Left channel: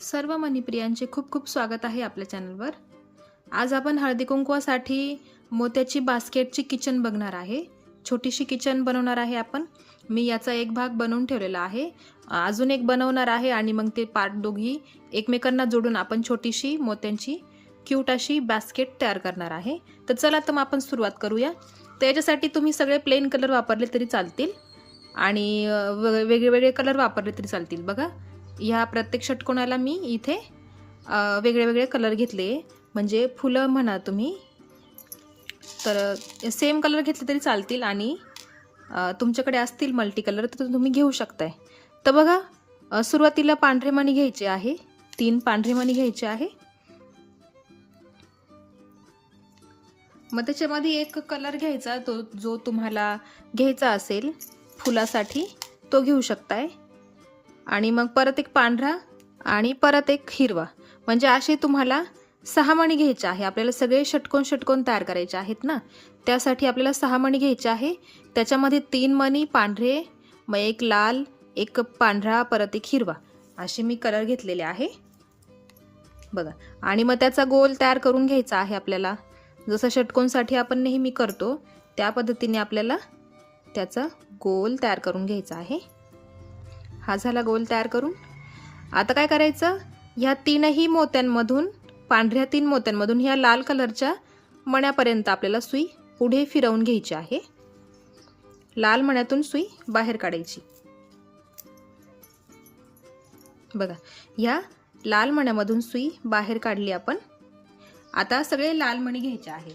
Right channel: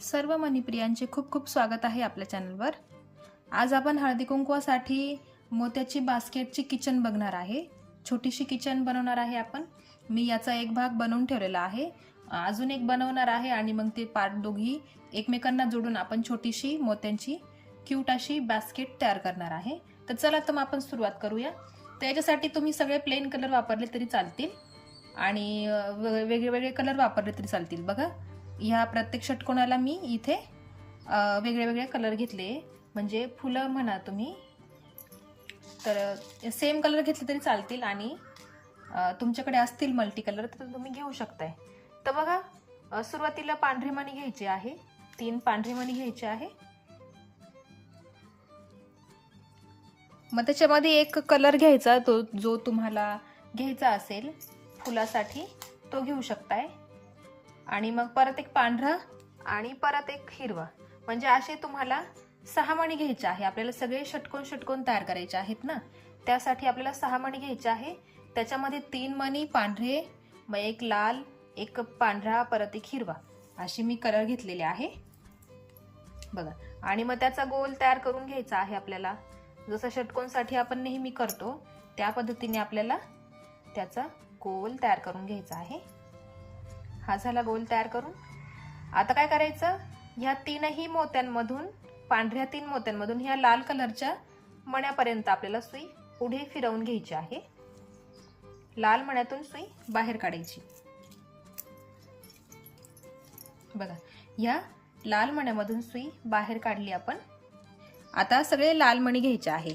सर्व मनीप्रियांचे खूप खूप स्वागत आहे आपल्या चॅनलवर. आज आपण हळदी कुंकवासाठी मोत्याची बास्केटची किचन बघणार आहे. छोटीशी किचन बनवणार आहे आपण. मी याचा एक भाग बनवून ठेवलेला आहे. अजून एक बनवणार आहे आणि मग ते पार्ट दोघी एकमेकांना जोडून आपण छोटीशी मोत्यांची क्यूट अशी बास्केट तयार करणार आहे. तर चला तर मग आपण सुरुवात करूया. तर याच्यासाठी तुम्ही सगळे प्लेन कलर वापरले तरी चालतील. आणि व- वेगळे वेगळे कलर वापरले तरी चालतील. बघा ह्या प्रत्येक षटकोणाला मी इथे वेगळे वेगळे कलर घेतले. म्हणजे फुलं म्हणा तुम्ही तर सेम कलर घेतले तरी चालतील आणि तुमच्याकडे असतील मल्टी कलर तर तुम्ही घेऊ शकताय. तर बघा सुरुवातीला पांढरी मणी घ्यायचे आहे. तीन पांढरी मणी घ्यायचे आहे. मग त्याच्यामध्ये एक कलर घ्यायचा तो जो तुम्हाला घ्यायचा असेल. फुलासाठी तो घेऊ शकताय. आणि मग परत एक पांढरा आणि परत एक हिरवा. म्हणजे असे तुम्हाला सहा मणी घ्यायचे आहे. आपल्याला सगळे षटकोन षटकोन तयार करायचे आहेत ना? त्यासाठी आपल्याला सहा मणी घ्यायचे आहे. त्याच्यामध्ये तीन मणी पांढरे मग एक लाल एक पांढरा परत एक हिरवा. असे मी कलर घेतलेले आहे. बघा. आणि मग त्याचा गोल तयार करून घ्यायचा आहे आपल्याला. जसं षटकोनसाठी आपण नेहमी करतो त्या पद्धतीने आपल्याला त्याचा गोल तयार करून घ्यायचा आहे. हा झाला गोल तयार करून. आता काय करायचं? ह्या तीनही मोत्यांमधून पांढऱ्या तीन मोत्यांमधून ह्या लाल कलरच्या मण्यापर्यंत आपल्याला सुई पुढे फिरवून घ्यायची आहे. लाल मण्यातून सुई बाहेर काढायची. बघा ह्या लाल मण्यामधून सुई बाहेर काढली आपण. आता सगळे लाल मणी घ्यायचे आहे.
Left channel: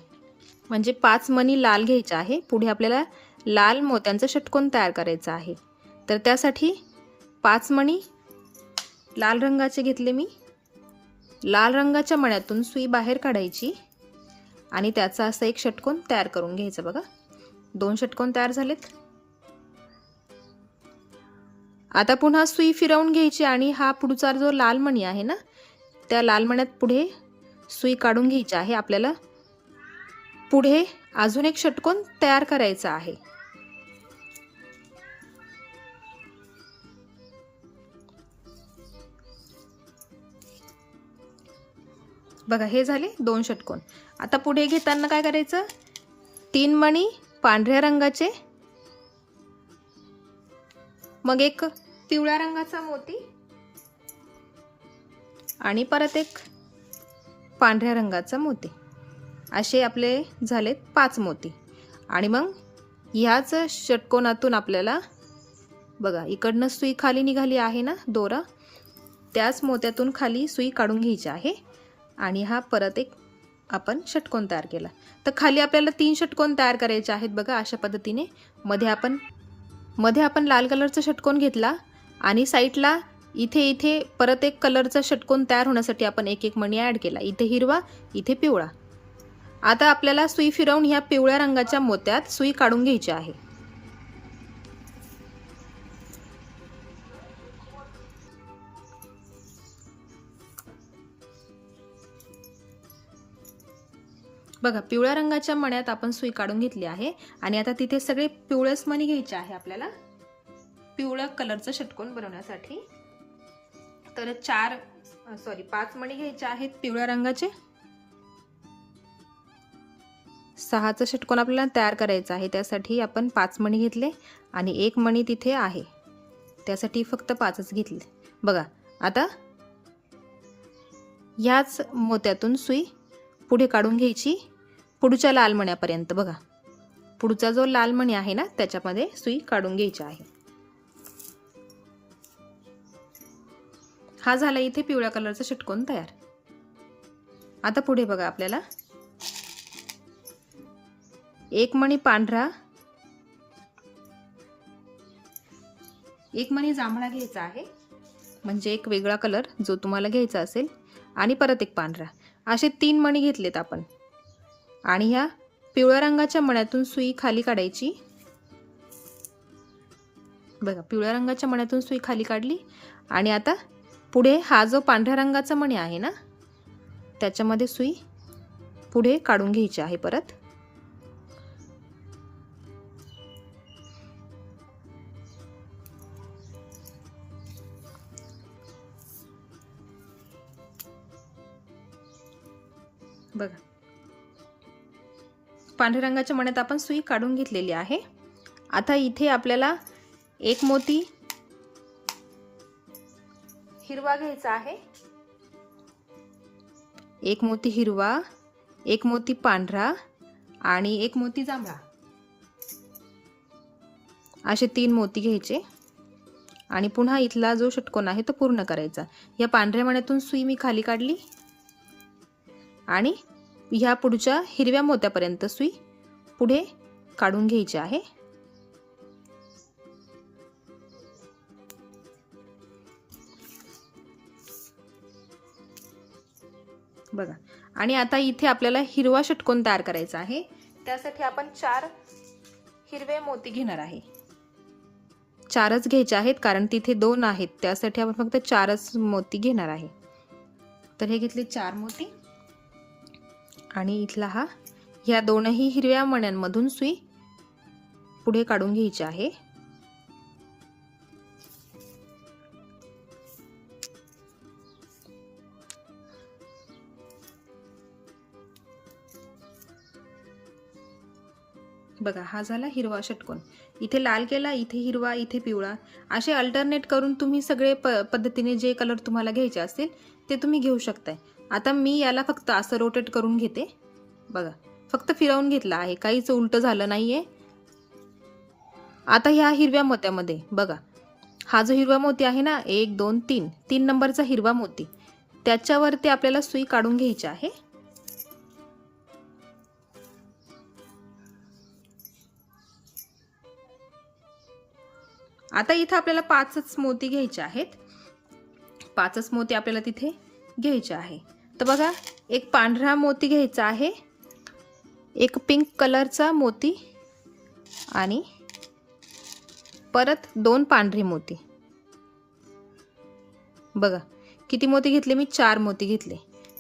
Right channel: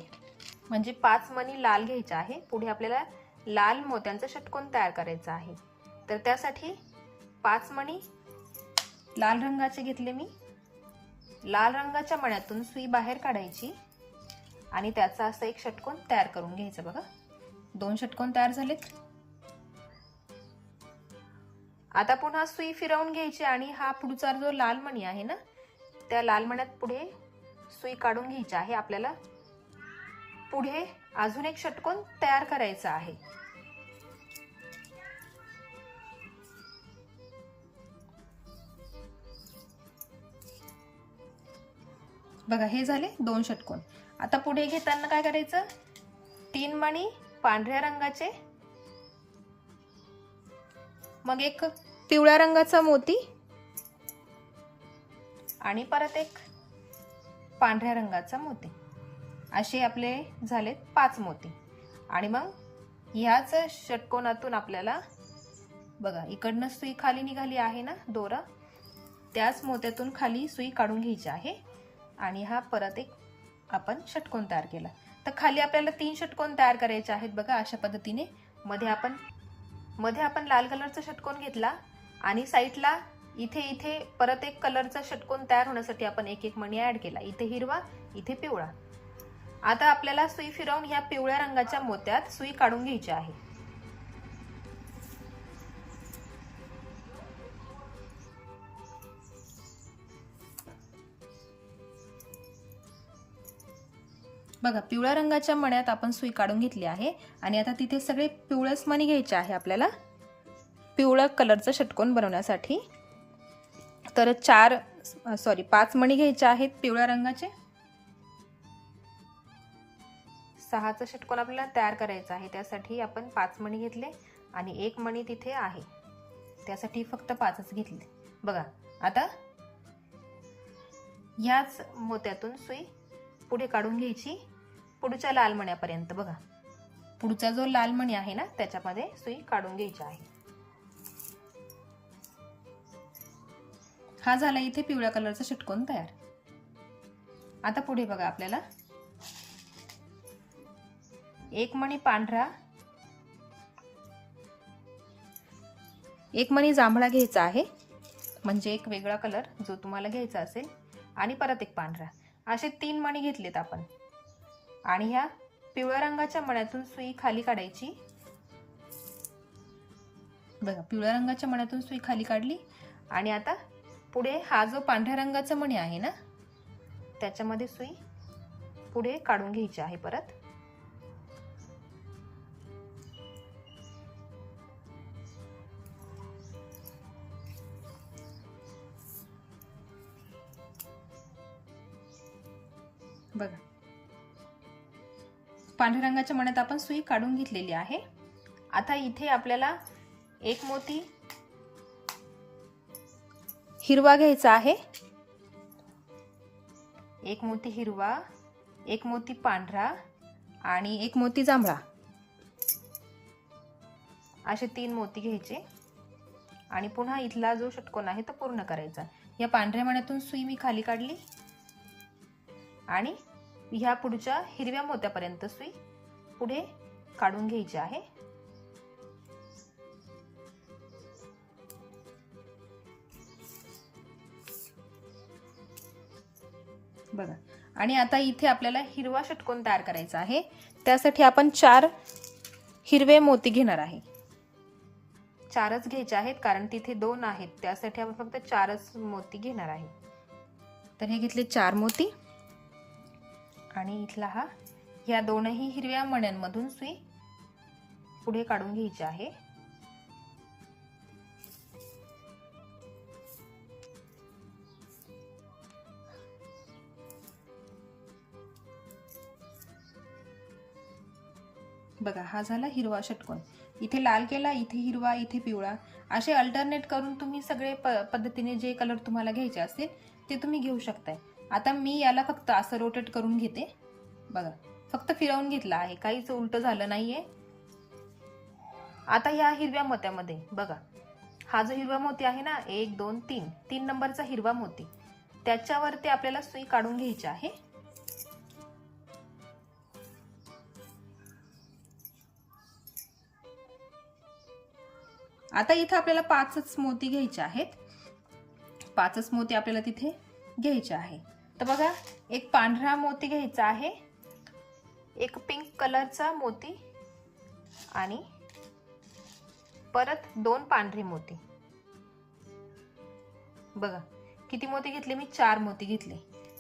म्हणजे पाच मणी लाल घ्यायचे आहे. पुढे आपल्याला लाल मोत्यांचं षटकोन तयार करायचं आहे. तर त्यासाठी पाच मणी लाल रंगाचे घेतले मी. लाल रंगाच्या मण्यातून सुई बाहेर काढायची आणि त्याचा असा एक षटकोन तयार करून घ्यायचा बघा. दोन षटकोन तयार झालेत. आता पुन्हा सुई फिरवून घ्यायची आणि हा पुढचा जो लाल मणी आहे ना त्या लाल मण्यात पुढे सुई काढून घ्यायची आहे. आपल्याला पुढे अजून एक षटकोन तयार करायचा आहे. बघा हे झाले दोन षटकोन. आता पुढे घेताना काय करायचं? तीन मणी पांढऱ्या रंगाचे मग एक पिवळ्या रंगाचा मोती आणि परत एक पांढऱ्या रंगाचा मोती. असे आपले झालेत पाच मोती. आणि मग ह्याच षटकोनातून आपल्याला बघा इकडनं सुई खाली निघाली आहे ना दोरा? त्याच मोत्यातून खाली सुई काढून घ्यायची आहे. आणि हा परत एक आपण षटकोन तयार केला. तर खाली आपल्याला तीन षटकोन तयार करायचे आहेत बघा अशा पद्धतीने. मध्ये आपण मध्ये आपण लाल कलरचा षटकोन घेतला आणि साईडला इथे इथे परत एक कलरचा षटकोन तयार होण्यासाठी आपण एक एक मणी ॲड केला. इथे हिरवा इथे पिवळा. आता आपल्याला सुई फिरवून ह्या पिवळ्या रंगाच्या मोत्यात सुई काढून घ्यायची आहे. बघा पिवळ्या रंगाच्या मण्यात आपण सुई काढून घेतली आहे आणि आता तिथे सगळे पिवळंच मणी घ्यायचे आहे आपल्याला. पिवळं कलरचं षटकोन बनवण्यासाठी. तर चार सॉरी पाच मणी घ्यायचे आहेत पिवळ्या रंगाचे. सहाचं षटकोन आपल्याला तयार करायचं आहे त्यासाठी आपण पाच मणी घेतले आणि एक मणी तिथे आहे. त्यासाठी फक्त पाचच घेतले. बघा आता ह्याच मोत्यातून सुई पुढे काढून घ्यायची. पुढच्या लाल मण्यापर्यंत बघा. पुढचा जो लाल मणी आहे ना त्याच्यामध्ये सुई काढून घ्यायची आहे. हा झाला इथे पिवळ्या कलरचा षटकोन तयार. आता पुढे बघा आपल्याला. एक मणी पांढरा एक मणी जांभळा घ्यायचा आहे. म्हणजे एक वेगळा कलर जो तुम्हाला घ्यायचा असेल. आणि परत एक पांढरा. असे तीन मणी घेतलेत आपण. आणि ह्या पिवळ्या रंगाच्या मण्यातून सुई खाली काढायची. बघा पिवळ्या रंगाच्या मण्यातून सुई खाली काढली. आणि आता पुढे हा जो पांढऱ्या रंगाचा मणी आहे ना त्याच्यामध्ये सुई पुढे काढून घ्यायची आहे परत. बघा. पांढऱ्या रंगाच्या मण्यात आपण सुई काढून घेतलेली आहे. आता इथे आपल्याला एक मोती हिरवा घ्यायचा आहे. एक मोती हिरवा एक मोती पांढरा आणि एक मोती जांभळा. असे तीन मोती घ्यायचे. आणि पुन्हा इथला जो षटकोन आहे तो पूर्ण करायचा. या पांढऱ्या मण्यातून सुई मी खाली काढली. आणि ह्या पुढच्या हिरव्या मोत्यापर्यंत सुई पुढे काढून घ्यायची आहे. बघा. आणि आता इथे आपल्याला हिरवा षटकोन तयार करायचा आहे. त्यासाठी आपण चार हिरवे मोती घेणार आहे. चारच घ्यायचे आहेत कारण तिथे दोन आहेत. त्यासाठी आपण फक्त चारच मोती घेणार आहे. तर हे घेतले चार मोती. आणि इथला हा. ह्या दोनही हिरव्या मण्यांमधून सुई पुढे काढून घ्यायची आहे. बघा हा झाला हिरवा षटकोन. इथे लाल केला इथे हिरवा इथे पिवळा. असे अल्टरनेट करून तुम्ही सगळे प पद्धतीने जे कलर तुम्हाला घ्यायचे असतील ते तुम्ही घेऊ शकताय. आता मी याला फक्त असं रोटेट करून घेते. बघा फक्त फिरवून घेतला आहे. काहीच उलटं झालं नाहीये. आता ह्या हिरव्या मोत्यामध्ये बघा. हा जो हिरवा मोती आहे ना एक दोन तीन. तीन नंबरचा हिरवा मोती. त्याच्यावरती आपल्याला सुई काढून घ्यायची आहे. आता इथं आपल्याला पाचच मोती घ्यायचे आहेत. पाचच मोती आपल्याला तिथे घ्यायचे आहे. तर बघा एक पांढरा मोती घ्यायचा आहे एक पिंक कलरचा मोती आणि परत दोन पांढरे मोती. बघा किती मोती घेतले? मी चार मोती घेतले.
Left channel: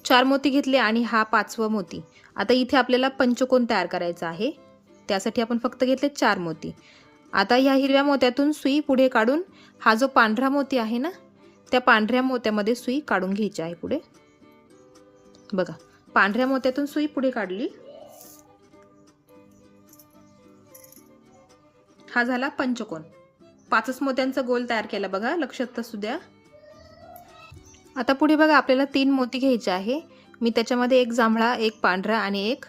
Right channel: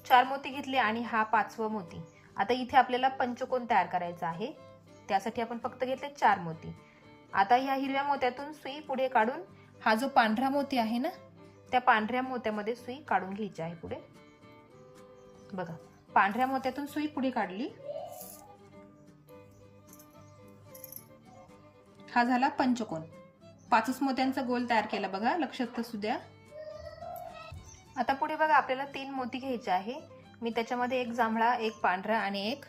चार मोती घेतले आणि हा पाचवा मोती. आता इथे आपल्याला पंचकोन तयार करायचा आहे. त्यासाठी आपण फक्त घेतले चार मोती. आता ह्या हिरव्या मोत्यातून सुई पुढे काढून हा जो पांढरा मोती आहे ना त्या पांढऱ्या मोत्यामध्ये सुई काढून घ्यायची आहे पुढे. बघा पांढऱ्या मोत्यातून सुई पुढे काढली. हा झाला पंचकोन. पाचच मोत्यांचा गोल तयार केला बघा लक्षात असू द्या. आता पुढे बघा आपल्याला तीन मोती घ्यायचे आहे. मी त्याच्यामध्ये एक जांभळा एक पांढरा आणि एक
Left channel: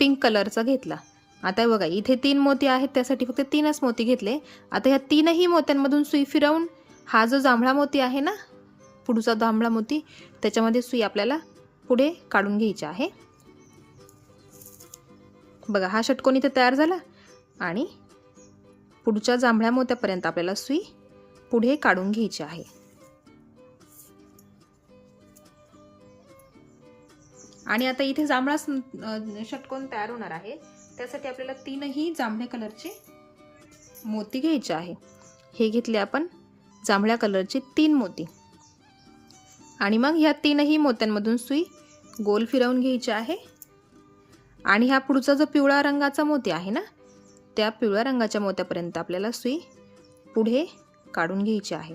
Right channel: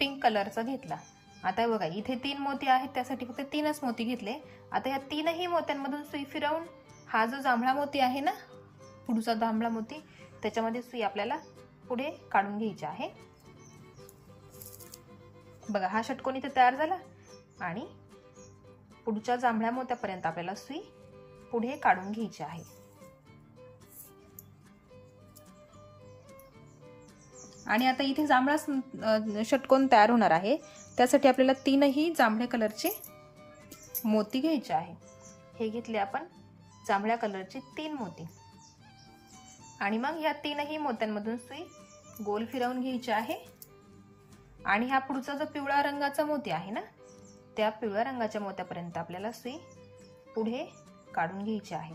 पिंक कलरचा घेतला. आता बघा इथे तीन मोती आहेत त्यासाठी फक्त तीनच मोती घेतले. आता ह्या तीनही मोत्यांमधून सुई फिरवून हा जो जांभळा मोती आहे ना पुढचा जांभळा मोती त्याच्यामध्ये सुई आपल्याला पुढे काढून घ्यायचे आहे. बघा हा षटकोन इथे तयार झाला आणि पुढच्या जांभळ्या मोत्यापर्यंत आपल्याला सुई पुढे काढून घ्यायची आहे. आणि आता इथे जांभळा षटकोन तयार होणार आहे. त्यासाठी आपल्याला तीनही जांभळ्या कलरचे मोती घ्यायचे आहे. हे घेतले आपण जांभळ्या कलरचे तीन मोती. आणि मग ह्या तीनही मोत्यांमधून सुई गोल फिरवून घ्यायचे आहे. आणि हा पुढचा जो पिवळा रंगाचा मोती आहे ना त्या पिवळ्या रंगाच्या मोत्यापर्यंत आपल्याला सुई पुढे काढून घ्यायची आहे.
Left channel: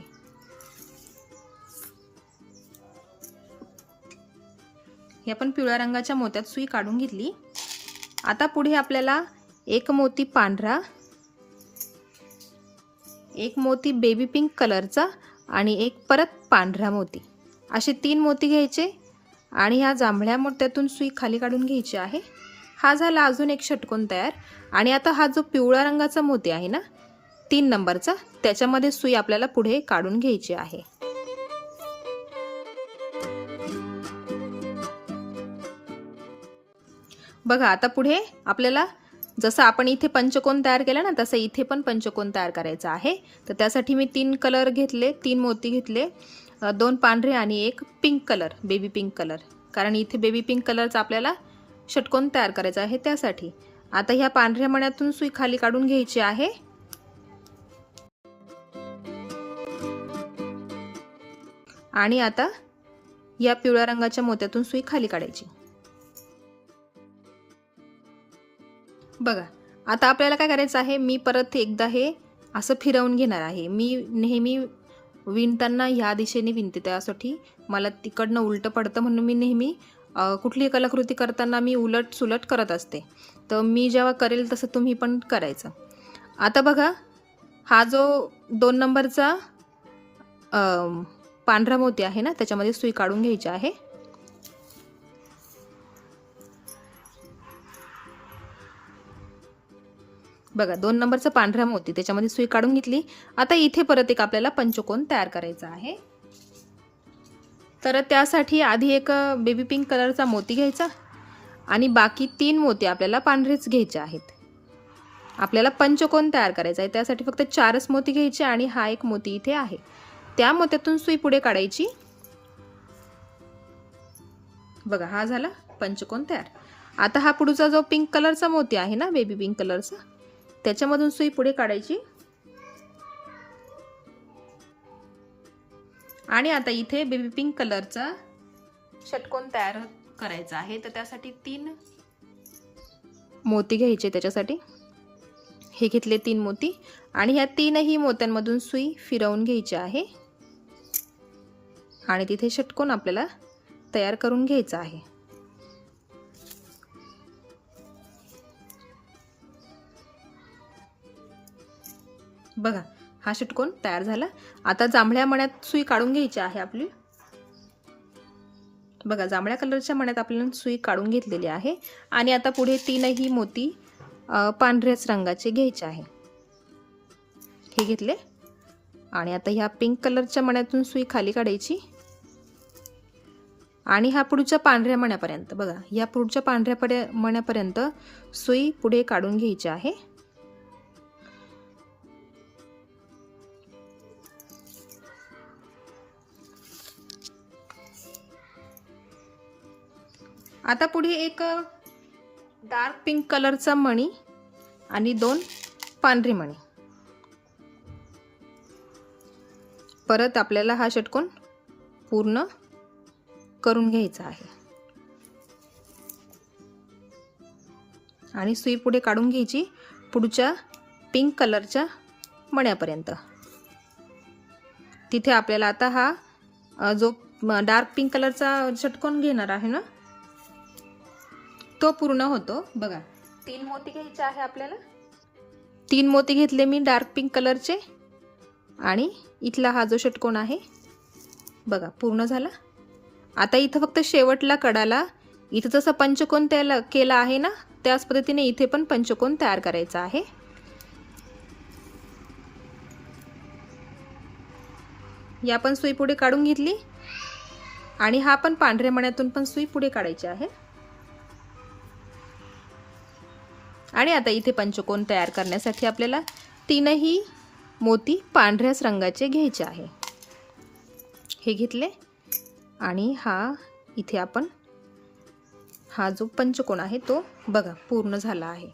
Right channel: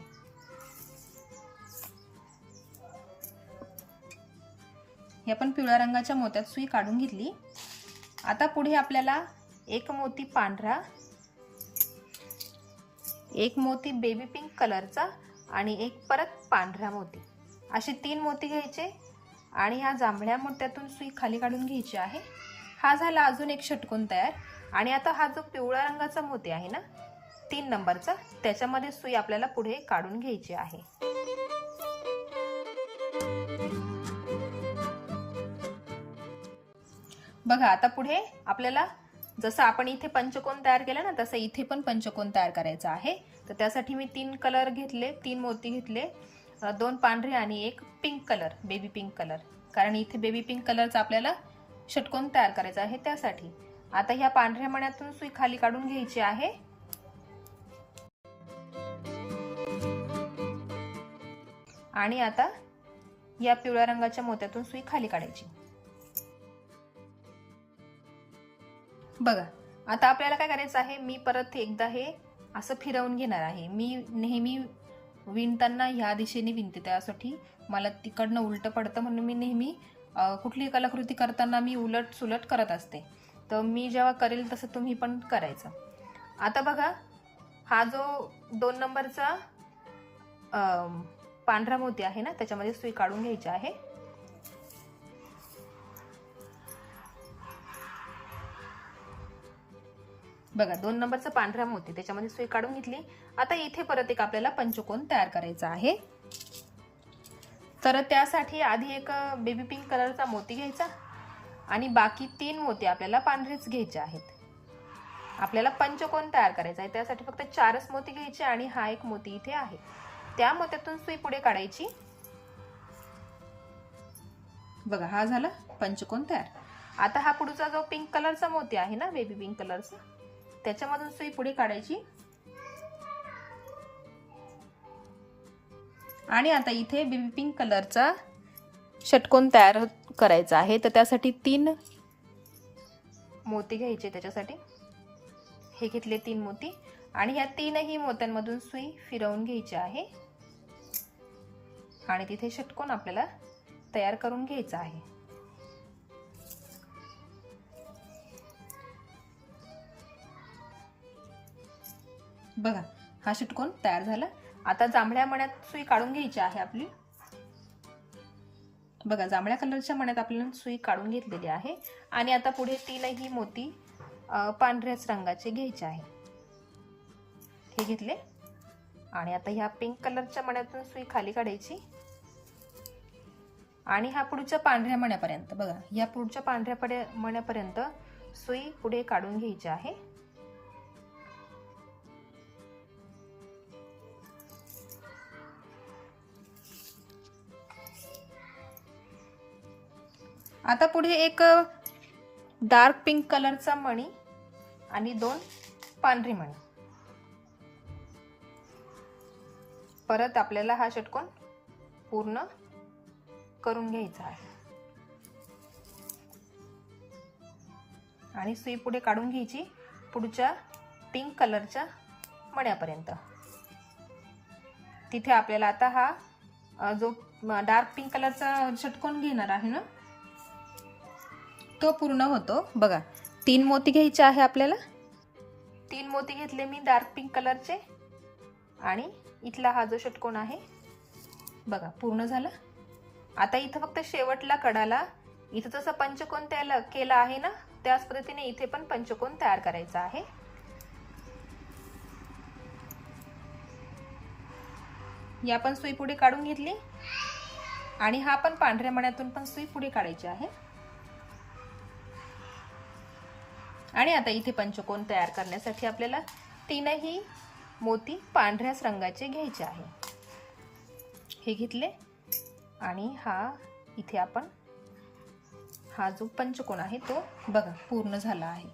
हे आपण पिवळ्या रंगाच्या मोत्यात सुई काढून घेतली. आता पुढे आपल्याला एक मोती पांढरा एक मोती बेबी पिंक कलरचा आणि एक परत पांढरा मोती. असे तीन मोती घ्यायचे. आणि ह्या जांभळ्या मोत्यातून सुई खाली काढून घ्यायची आहे. हा झाला अजून एक षटकोन तयार. आणि आता हा जो पिवळ्या रंगाचा मोती आहे ना तीन नंबरचा त्याच्यामध्ये सुई आपल्याला पुढे काढून घ्यायची आहे. बघा आता पुढे आपल्याला जसं आपण इथे पंचकोन तयार केला ना तसं इथे पण पंचकोन तयार करायचा आहे. तर त्यासाठी मी तीन कलर घेतले तीन मोती घेतले. दोन पांढरे आणि एक pink colour baby pink colour कारण इथे बेबी पिंक कलरचा आपल्याला षटकोन तयार करायचा आहे त्यासाठी. आता ह्या पांढऱ्या मण्यातून सुई खाली काढून घ्यायची आहे. आणि आता या पिवळ्या रंगाच्या मोत्यातून सुई खाली काढायची. बघा आता आपल्याला काय करायचं आहे? मी परत एकदा हे असं फिरवून घेणार आहे. मी नेहमी विणताना ह्या दिशेने विणते त्यासाठी. मला तिकडनं उलटं पडतं म्हणून मी नेहमी कुठलीही कलाकृती करताना मी उलट सुलट करत असते. तर मी जेव्हा करेल तसं तुम्ही पण करायचं. आता बघा हा जो दोन नंबरचा पांढरा मोती आहे ना त्याच्यामध्ये सुई काढून घ्यायची आहे. बघा दोन नंबरचं पांढऱ्या मोती त्याच्यामध्ये सुई काढून घेतली. आता इथे परत एक आपल्याला पंचकोन तयार करायचा आहे. तर त्यासाठी आधी एक बेबी पिंक कलरचा मोती घ्यायचा आणि बाकी तीन मोती आपल्याला पांढरेच घ्यायचे आहेत. आपल्याला पंचकोन तयार करायचा आहे. त्यासाठी फक्त चारच मोती घ्यायचे आणि हा एक मोती इथे आहे. त्या मोत्यातून सुई पुढे काढायची. बघा हा झाला पंचकोन तयार. आता हा पुढचा जो पिंक कलरचा मोती आहे ना बेबी पिंक कलरचा त्याच्यामधून सुई पुढे काढायची. आणि आता इथे बेबी पिंक कलरचा षटकोन तयार हो- करायचा आहे. तर त्यासाठी तीन मोती घ्यायचे त्याच्यासाठी. हे घेतले तीन मोती. आणि ह्या तीनही मोत्यांमधून सुई फिरवून घ्यायची आहे. आणि तिथे षटकोन आपल्याला तयार करून घ्यायचा आहे. बघा हा षटकोन तयार झाला. आता जांभळ्या मण्यात सुई काढून घ्यायची आहे आपली. बघा जांभळ्या कलरच्या मण्यात आपल्याला सुई काढून घेतलेली आहे. आणि आता पुढे तीनही मोती पांढऱ्याच रंगाचे घ्यायचे आहे. हे घेतले. आणि आता ह्या पिंक कलरच्या मण्यातून सुई खाली काढायची. आणि ह्या पुढच्या पांढऱ्या मण्यापर्यंत बघा ह्या पुढच्या पांढऱ्या पड्या मण्यापर्यंत सुई पुढे काढून घ्यायची आहे. आता पुढे एक डार्क पिंक कलरचा मणी आणि दोन पांढरी मणी. परत आपल्याला हा षटकोन पूर्ण करून घ्यायचा आहे. आणि सुई पुढे काढून घ्यायची पुढच्या पिंक कलरच्या मण्यापर्यंत. तिथे आपल्याला आता हा जो डार्क पिंक कलरचा षटकोन घेणार आहे ना तो पूर्ण होतो. बघा तीन मोती घ्यायचे आहे आपल्याला. तीन मोती घेतले मी डार्क पिंक कलरचे. आणि इथला हा जो षटकोन आहे बघा पूर्ण झाला. आता इथं फक्त शेवटला कडाला. इथं जसं पंचकोन त्याला केला आहे ना त्याच पद्धतीने इथे पण पंचकोन तयार करायचा आहे. या पण सुई पुढे काढून घेतली. आणि हा पण पांढऱ्या मण्यातून पण सुई पुढे काढायची आहे. आणि आता इथे पंचकोन तयार करण्यासाठी आपल्याला तीनही मोती पांढऱ्याच रंगाचे घ्यायचे आहे. हे घेतले आणि हा इथे आपण हा जो पंचकोन आहे तो बघा पूर्ण झाला आहे.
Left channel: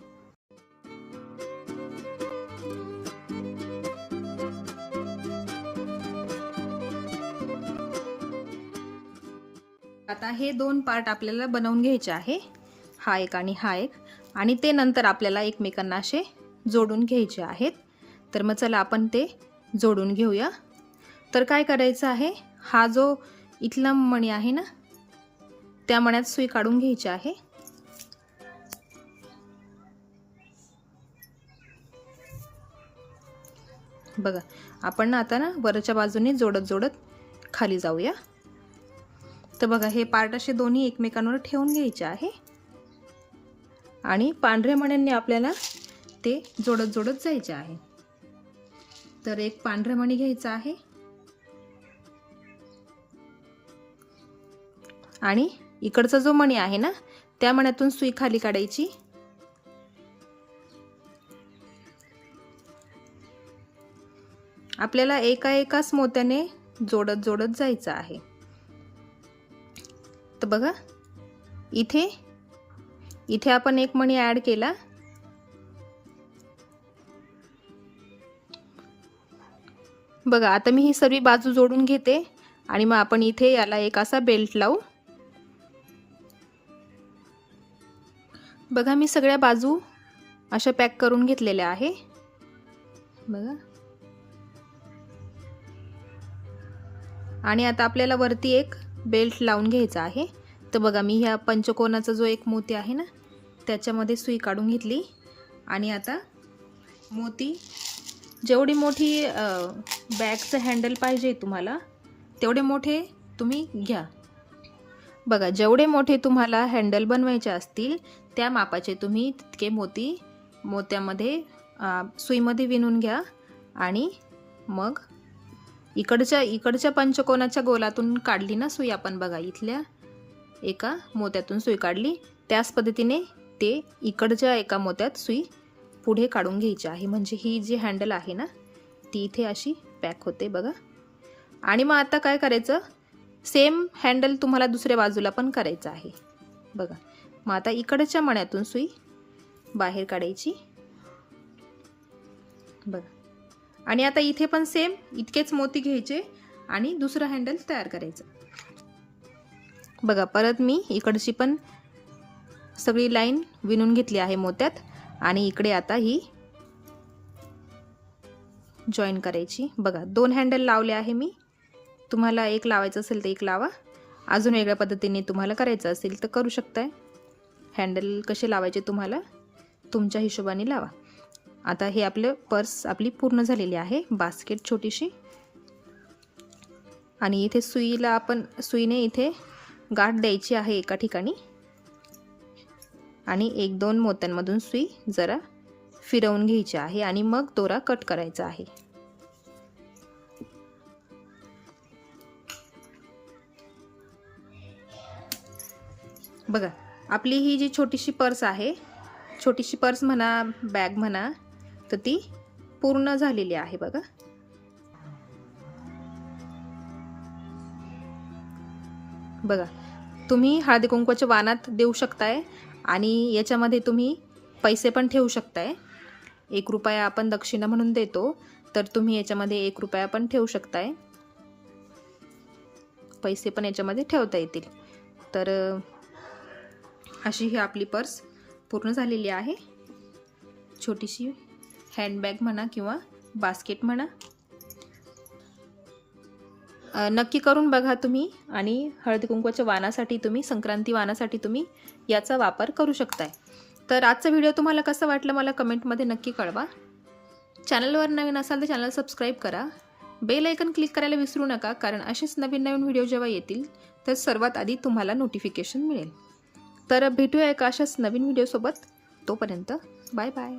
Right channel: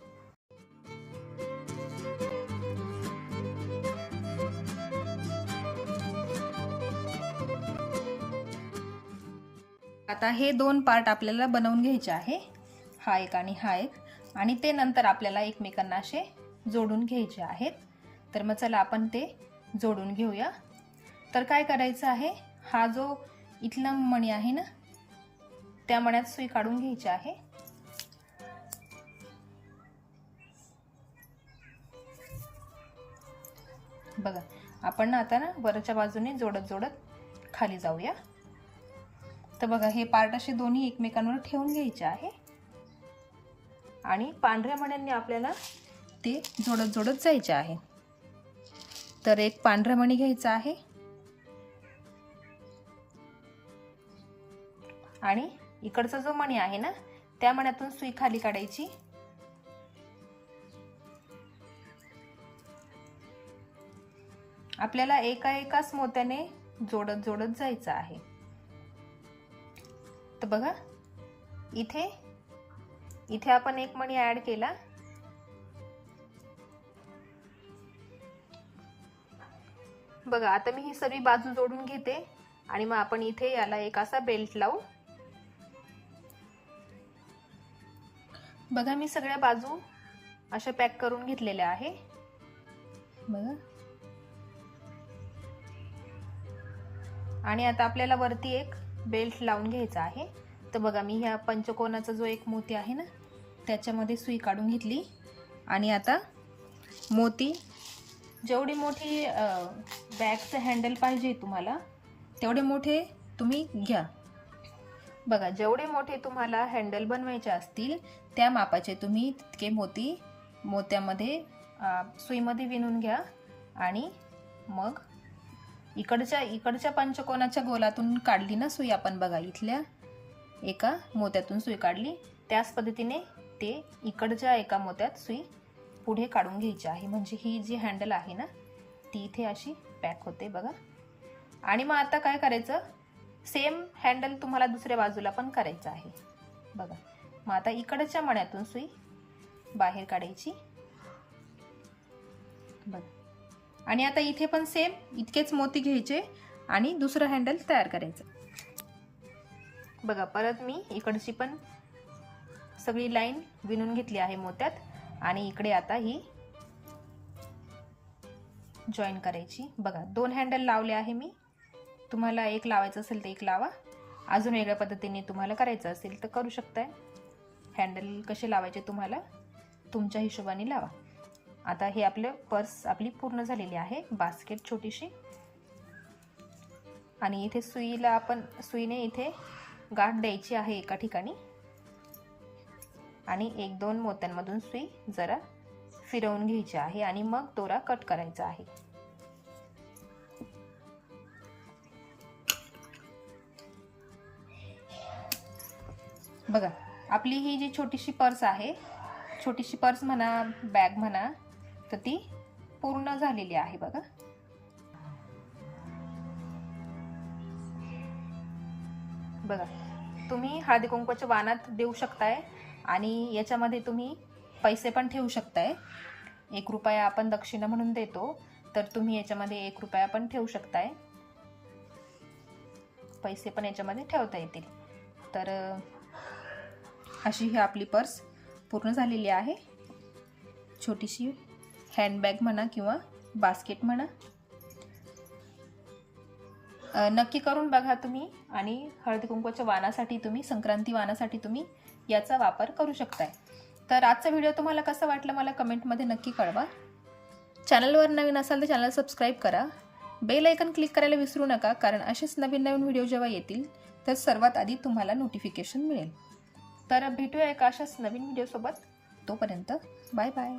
आता हे दोन पार्ट आपल्याला बनवून घ्यायचे आहे. हा एक आणि हा एक. आणि ते नंतर आपल्याला एकमेकांना असे जोडून घ्यायचे आहेत. तर मग चला आपण ते जोडून घेऊया. तर काय करायचं आहे? हा जो इथला मणी आहे ना त्या मण्यात सुई काढून घ्यायची आहे. बघा आपण ना आता ना वरच्या बाजूने जोडत जोडत खाली जाऊया. तर बघा हे पार्ट असे दोन्ही एकमेकांवर ठेवून घ्यायचे आहे. आणि पांढऱ्या मण्यांनी आपल्याला ते जोडत जोडत जायचे आहे. तर एक पांढरा मणी घ्यायचा आहे. आणि इकडचा जो मणी आहे ना त्या मण्यातून सुई खाली काढायची. आपल्याला एका एकाच मोत्याने जोडत जोडत जायचं आहे. तर बघा इथे इथे आपण एक मणी ॲड केला. बघा आता मी ही सर्व बाजू जोडून घेते आणि मग आपण इथे याला एक असा बेल्ट लावू. बघा मी सगळ्या बाजू अशा पॅक करून घेतलेल्या आहे. बघा. आणि आता आपल्याला वरती एक बेल्ट लावून घ्यायचा आहे. तर बघा मी ह्या पंचकोनाचा जो एक मोती आहे ना त्याच्यामध्ये सुई काढून घेतली. आणि आता मोती जेवढी मोठी बॅगचं हँडल पाहिजे तुम्हाला तेवढे मोठे तुम्ही घ्या. बघा जेवढे मोठे तुम्हाला हँडल बनवायचे असतील त्या मापाचे तुम्ही तितके मोती मोत्यामध्ये सुईमध्ये विणून घ्या. आणि मग इकडच्या इकडच्या पंचकोनाच्या गोलातून काढली ना सुई आपण बघा इथल्या एका मोत्यातून सुई काढली त्याच पद्धतीने ते इकडच्या एका मोत्यात सुई पुढे काढून घ्यायची आहे. म्हणजे ही जी हँडल आहे ना ती इथे अशी पॅक होते बघा. आणि मग आता काय करायचं? सेम हँडल तुम्हाला दुसऱ्या बाजूला पण करायचं आहे. बघा. मग आता इकडच्या मण्यातून सुई बाहेर काढायची. बघा. आणि आता इथे पण सेम इतकेच मोती घ्यायचे आणि दुसरं हँडल तयार करायचं. बघा परत मी इकडची पण सगळी लाईन विणून घेतली आहे मोत्यात. आणि इकडे आता ही जॉईन करायची. बघा दोन हँडल लावले आहे मी. तुम्हाला एक लावायचं असेल तर एक लावा. अजून वेगळ्या पद्धतीने तुम्हाला करायचं असेल तर करू शकताय. हँडल कसे लावायचे तुम्हाला? तुमच्या हिशोबाने लावा. आता हे आपलं पर्स आपली पूर्ण झालेली आहे. बास्केट छोटीशी. आणि इथे सुईला आपण सुईने इथे गाठ द्यायची आहे एका ठिकाणी. आणि एक दोन मोत्यांमधून सुई जरा फिरवून घ्यायची आहे आणि मग दोरा कट करायचा आहे. बघा आपली ही जी छोटीशी पर्स आहे छोटीशी पर्स म्हणा बॅग म्हणा तर ती पूर्ण झालेली आहे बघा. बघा तुम्ही हळदी कुंकवाच्या वानात देऊ शकताय. आणि याच्यामध्ये तुम्ही पैसे पण ठेवू शकताय. एक रुपया आपण दक्षिणा म्हणून देतो तर तुम्ही याच्यामध्ये एक रुपया पण ठेवू शकताय. पैसे पण याच्यामध्ये ठेवता येतील. तर अशी ही आपली पर्स पूर्ण झालेली आहे. छोटीशी हँडबॅग म्हणा किंवा बास्केट म्हणा. नक्की करून बघा तुम्ही आणि हळदी कुंकवाच्या वानासाठी तुम्ही संक्रांती वानासाठी तुम्ही याचा वापर करू शकताय. तर आजचा व्हिडिओ तुम्हाला कसं वाटलं मला कमेंटमध्ये नक्की कळवा. चॅनलवर नवीन असाल तर चॅनल सबस्क्राईब करा. बेल ऐकन क्लिक करायला विसरू नका कारण असेच नवीन नवीन व्हिडिओ जेव्हा येतील तर सर्वात आधी तुम्हाला नोटिफिकेशन मिळेल. तर भेटूया एका अशाच नवीन व्हिडिओसोबत तोपर्यंत बाय बाय